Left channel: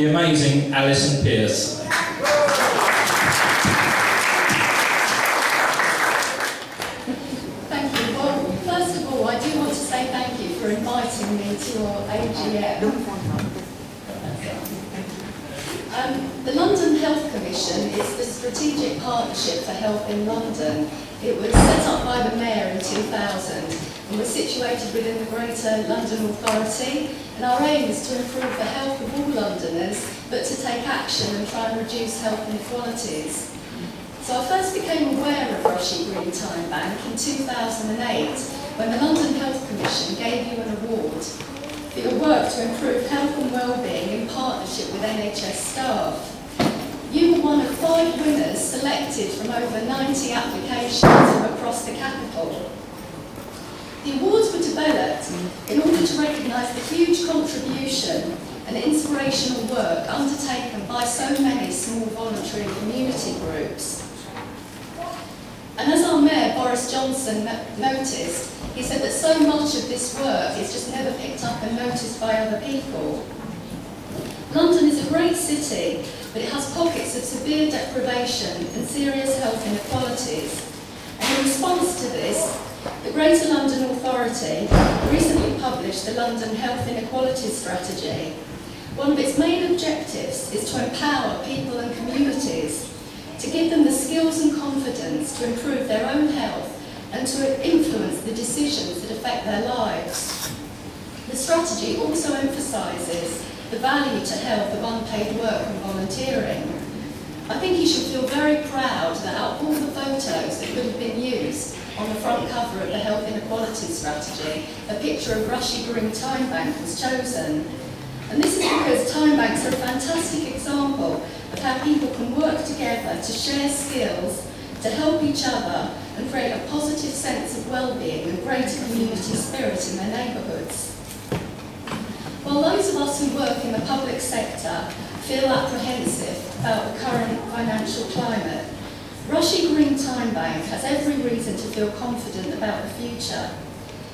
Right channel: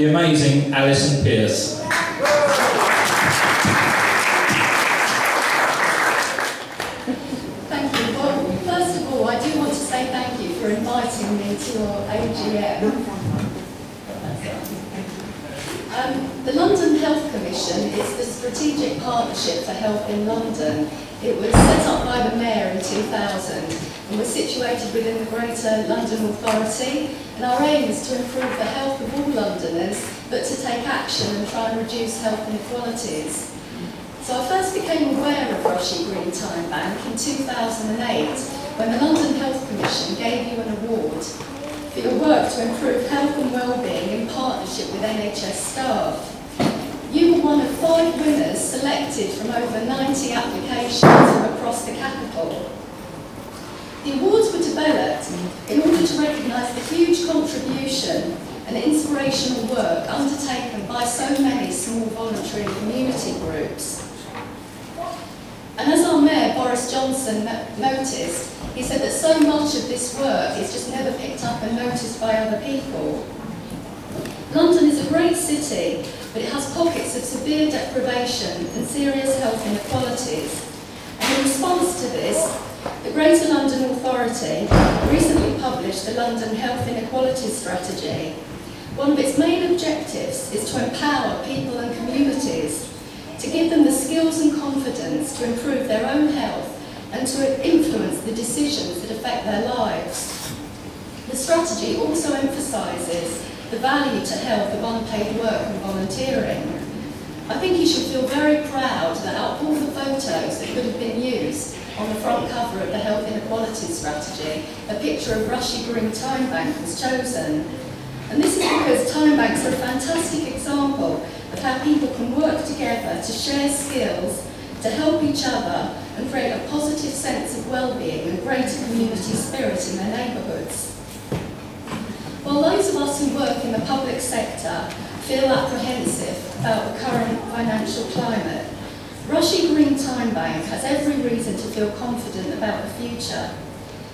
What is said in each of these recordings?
the amazing Alison Pierce. Thank you. Well, first of all, I do want to say thank you for inviting me to your AGM. The London Health Commission is the strategic partnership for health in London. It was set up by the Mayor in 2000 and was situated within the Greater London Authority, and our aim is to improve the health of all Londoners, but to take action and try and reduce health inequalities. So I first became aware of Rushy Green Time Bank in 2008 when the London Health Commission gave you an award for your work to improve health and wellbeing in partnership with NHS staff. You were one of 5 winners selected from over 90 applications from across the capital. The awards were developed in order to recognise the huge contribution and inspirational work undertaken by so many small voluntary community groups. And as our Mayor, Boris Johnson, noticed, he said that so much of this work is just never picked up and noticed by other people. London is a great city, but it has pockets of severe deprivation and serious health inequalities. And in response to this, the Greater London Authority recently published the London Health Inequalities Strategy. One of its main objectives is to empower people and communities, to give them the skills and confidence to improve their own health and to influence the decisions that affect their lives. The strategy also emphasises the value to health of unpaid work and volunteering. I think you should feel very proud that out of all the photos that could have been used on the front cover of the Health Inequalities Strategy, a picture of Rushy Green Time Bank was chosen. And this is because time banks are a fantastic example of how people can work together to share skills, to help each other and create a positive sense of well-being and greater community spirit in their neighbourhoods. While those of us who work in the public sector feel apprehensive about the current financial climate, Rushy Green Time Bank has every reason to feel confident about the future.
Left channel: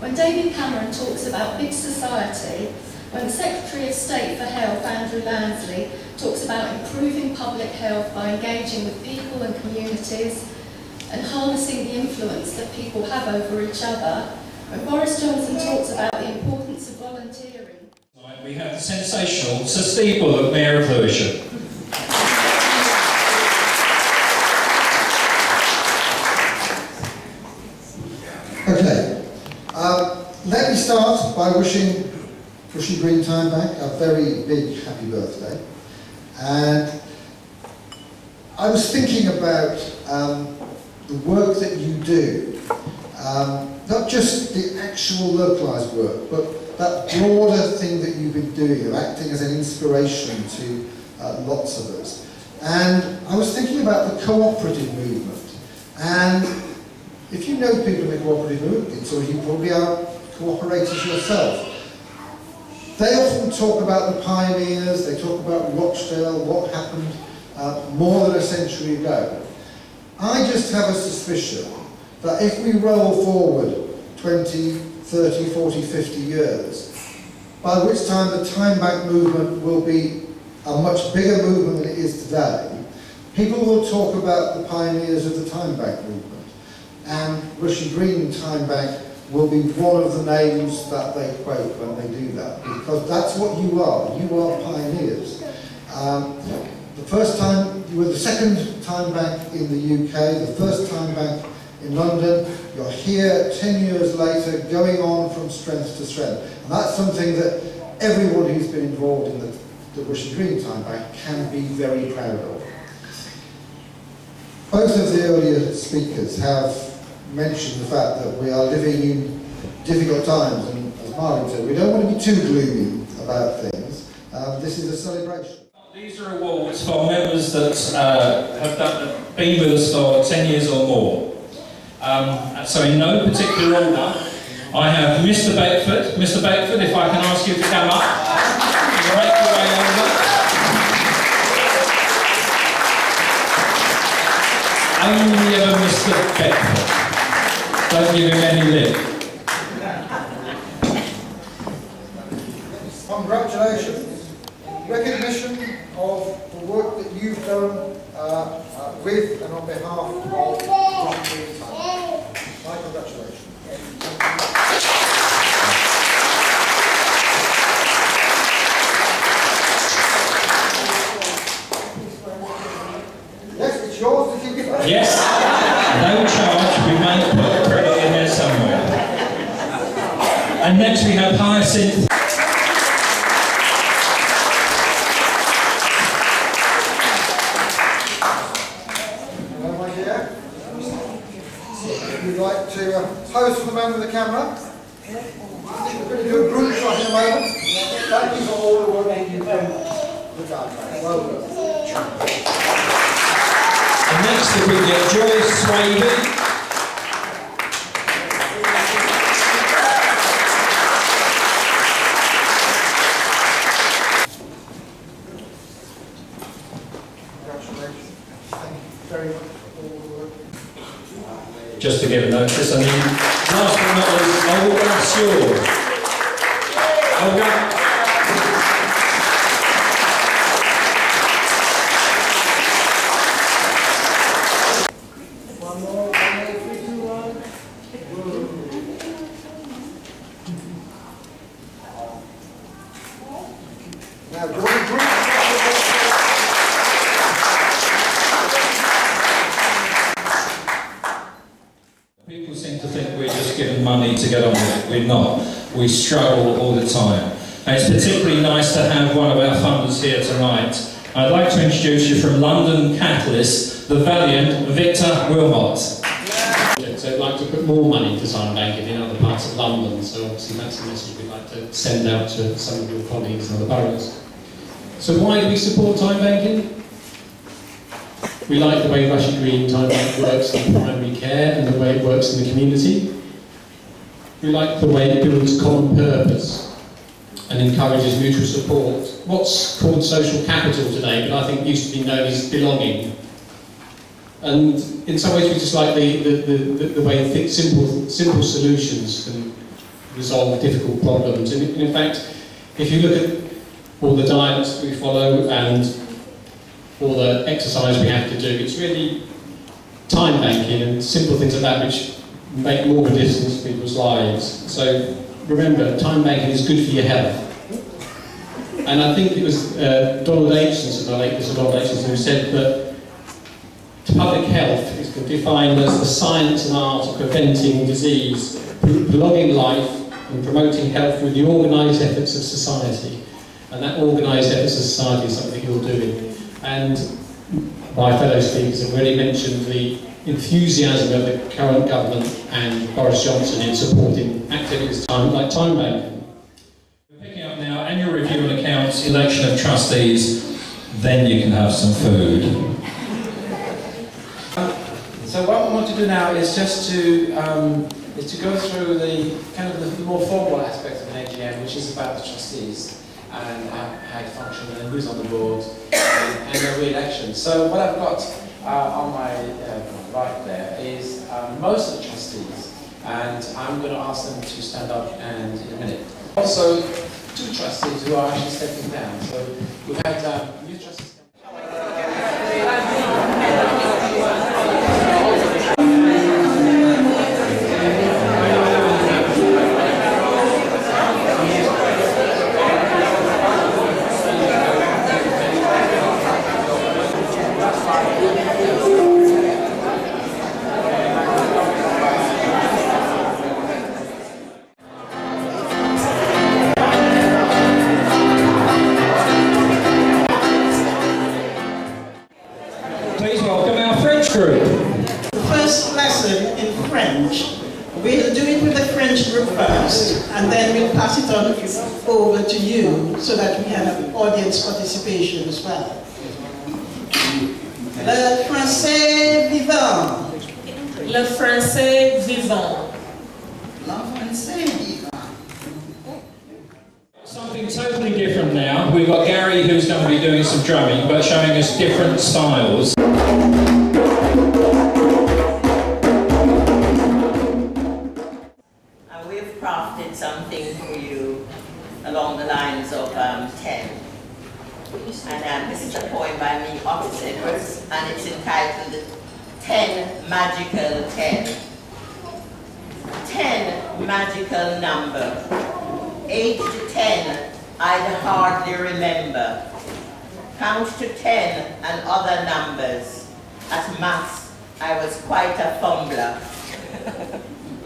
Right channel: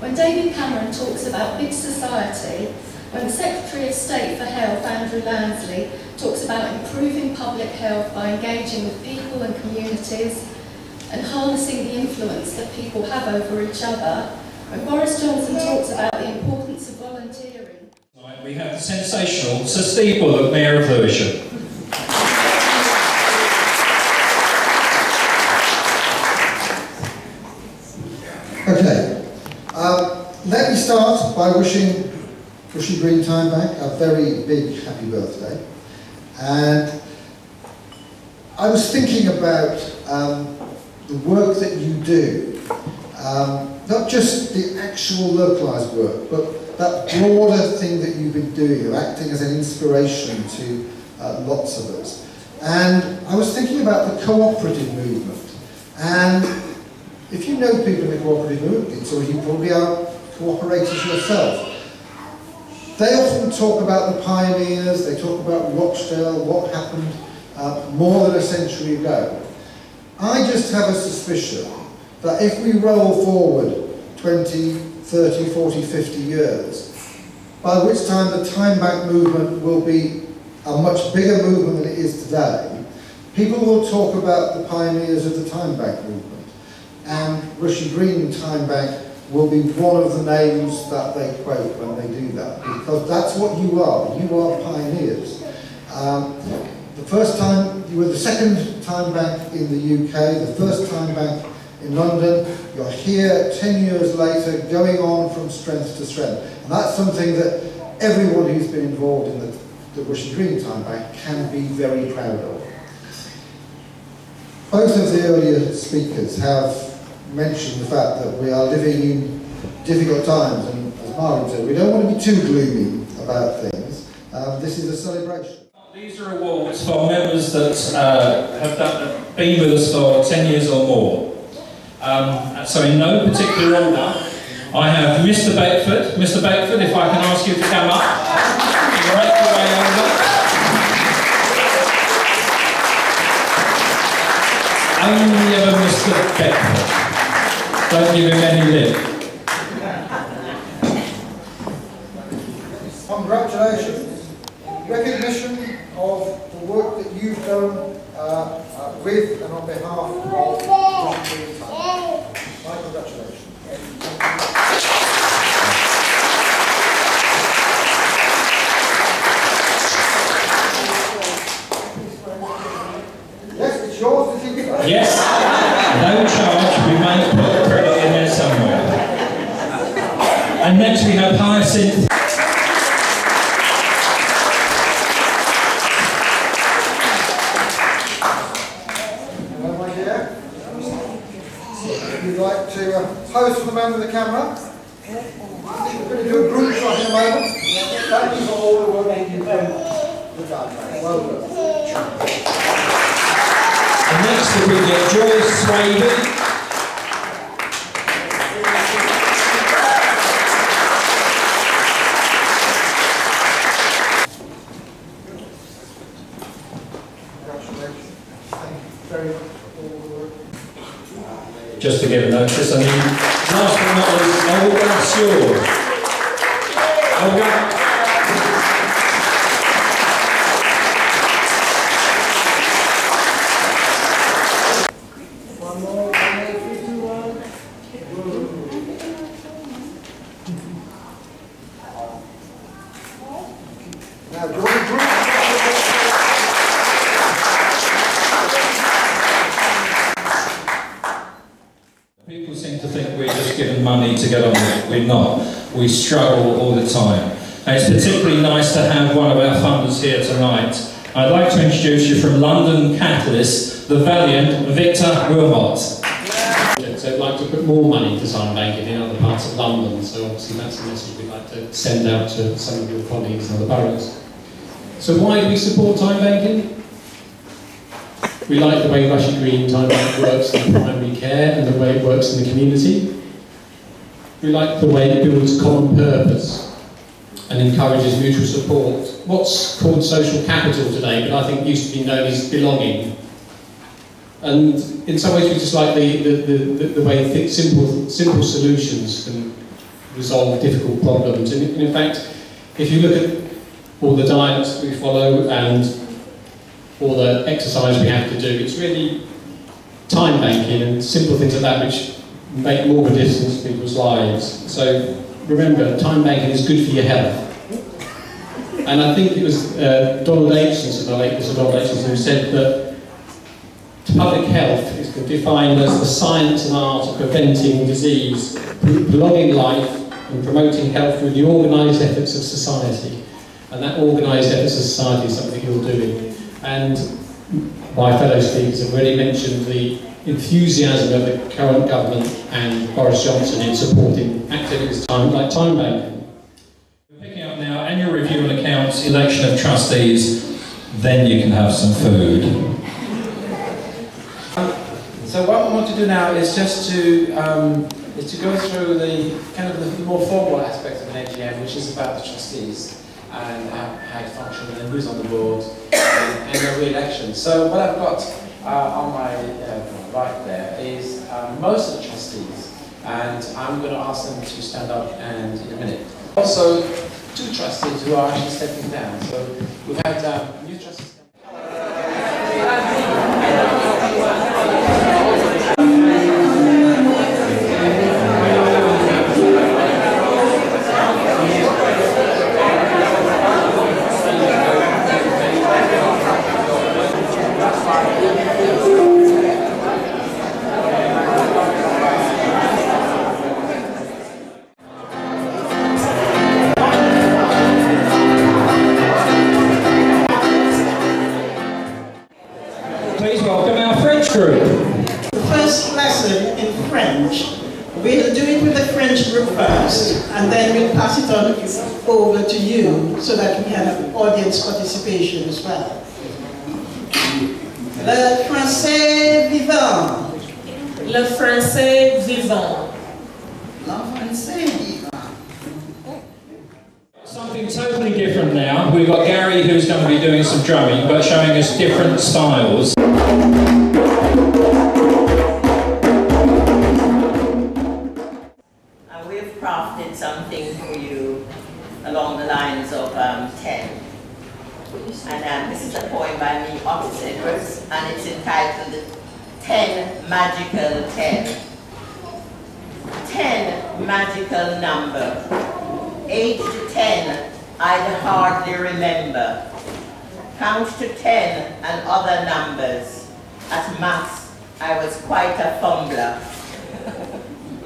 When David Cameron talks about big society, when the Secretary of State for Health, Andrew Lansley, talks about improving public health by engaging with people and communities and harnessing the influence that people have over each other, when Boris Johnson talks about the importance of volunteering. We have the sensational Sir Steve Bullock, Mayor of Lewisham. Okay, let me start by wishing Rushy Green Time Bank a very big happy birthday. And I was thinking about the work that you do, not just the actual localised work, but that broader thing that you've been doing of acting as an inspiration to lots of us. And I was thinking about the cooperative movement. And if you know people in the cooperative movement, so you probably are cooperators yourself. They often talk about the pioneers, they talk about Rochdale, what happened more than a century ago. I just have a suspicion that if we roll forward 20, 30, 40, 50 years, by which time the time bank movement will be a much bigger movement than it is today, people will talk about the pioneers of the time bank movement. And Rushy Green Time Bank will be one of the names that they quote when they do that, because that's what you are. You are pioneers. The first time, you were the second time bank in the UK, the first time bank in London. You're here 10 years later, going on from strength to strength. And that's something that everyone who's been involved in the Rushy Green Time Bank can be very proud of. Both of the earlier speakers have mentioned the fact that we are living in difficult times, and as Marlene said, we don't want to be too gloomy about things. This is a celebration. These are awards for members that have been with us for 10 years or more. So in no particular order, I have Mr. Beckford. Mr. Beckford, if I can ask you to come up. Make your way over. Only ever Mr. Beckford. Don't give him any lip. Congratulations. Recognition done with and on behalf of Bushy Green Time. My congratulations. Yes, it's yours to keep it. Yes, no charge. We may put a credit in there somewhere. And next we have Hyacinth. Hello, my dear. If you'd like to pose for the man with the camera. We're going to do a group shot in a moment. Thank you for all the work you've done. Well done. And next we get Joyce Swaby. Congratulations. Thank you very much for all the work. Just to give a notice, and then last but not least, Olga Sewell. Olga. One more, 3, 2, 1. Now, do you want to group? People seem to think we're just giving money to get on with it. We're not. We struggle all the time. And it's particularly nice to have one of our funders here tonight. I'd like to introduce you from London Catalyst, the valiant Victor Wilmot. So I'd like to put more money into time banking in other parts of London, so obviously that's a message we'd like to send out to some of your colleagues in other boroughs. So why do we support time banking? We like the way Bushy Green Time Bank works in primary care and the way it works in the community. We like the way it builds common purpose and encourages mutual support. What's called social capital today, but I think used to be known as belonging. And in some ways we just like the way simple solutions can resolve difficult problems. And in fact, if you look at all the diets we follow and all the exercise we have to do, it's really time banking and simple things like that which make more of a difference in people's lives. So remember, time banking is good for your health. And I think it was Donald Aitchison, the late Mr. Donald Aitchison, who said that public health is defined as the science and art of preventing disease, prolonging life and promoting health through the organised efforts of society. And that organised efforts of society is something you're doing. And my fellow speakers have already mentioned the enthusiasm of the current government and Boris Johnson in supporting activities like time banking. We're picking up now annual review and accounts, election of trustees, then you can have some food. So what we want to do now is just to go through the kind of the more formal aspects of an AGM, which is about the trustees and how it functions and who's on the board and the re-election. So what I've got on my right there is most of the trustees, and I'm going to ask them to stand up and in a minute. Also, 2 trustees who are actually stepping down. So we've had new trustees. Please welcome our French group. The first lesson in French, we'll do it with the French group first, and then we'll pass it on over to you so that we can have audience participation as well. Le français vivant. Le français vivant. Le français vivant. Something totally different now. We've got Gary who's going to be doing some drumming, but showing us different styles. We've crafted something for you along the lines of 10. And this It's a poem by me, Otis Edwards, and it's entitled 10 Magical 10. 10 magical number. Aged 10, I'd hardly remember. Count to 10 and other numbers. At maths, I was quite a fumbler.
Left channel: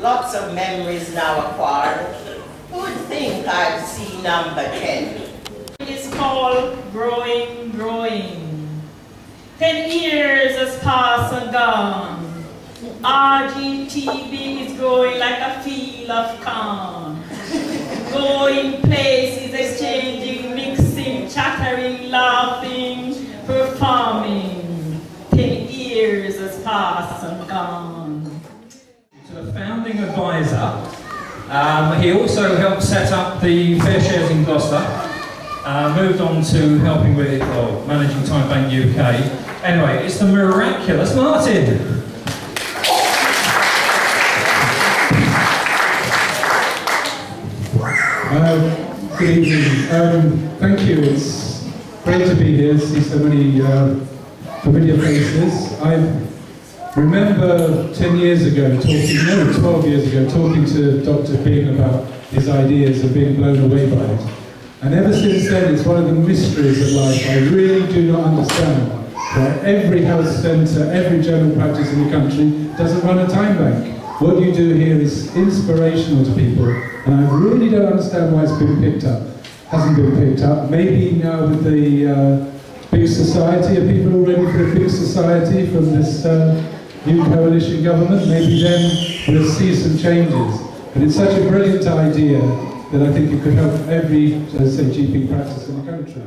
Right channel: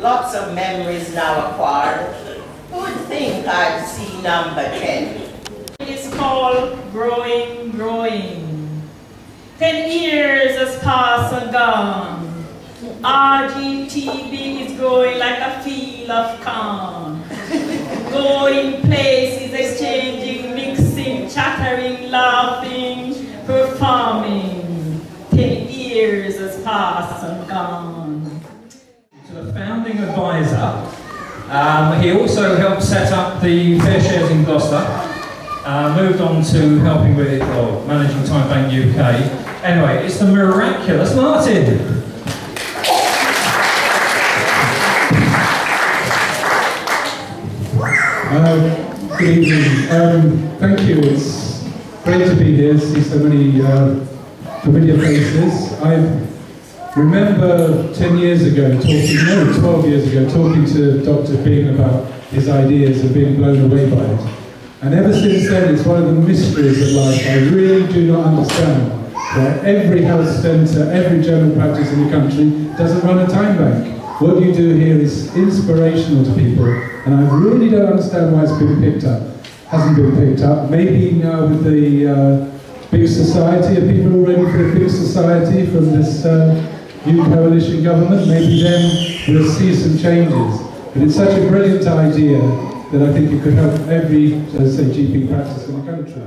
Lots of memories now acquired. Who would think I'd see number 10? It's called Growing, Growing. 10 years has passed and gone. RGTB is growing like a field of corn. Going places, exchanging, mixing, chattering, laughing, performing. 10 years has passed and gone. To the founding advisor, he also helped set up the Fair Shares in Gloucester, moved on to helping with, managing Time Bank UK. Anyway, it's the miraculous Martin. Good evening. Thank you. It's great to be here, see so many familiar faces. I remember 10 years ago 12 years ago, talking to Dr. Bing about his ideas and being blown away by it. And ever since then, it's one of the mysteries of life. I really do not understand why every health centre, every general practice in the country doesn't run a time bank. What you do here is inspirational to people, and I really don't understand why it's been picked up. Hasn't been picked up. Maybe now with the big society, are people all ready for a big society from this new coalition government? Maybe then we'll see some changes. But it's such a brilliant idea that I think it could help every, say, GP practice in the country.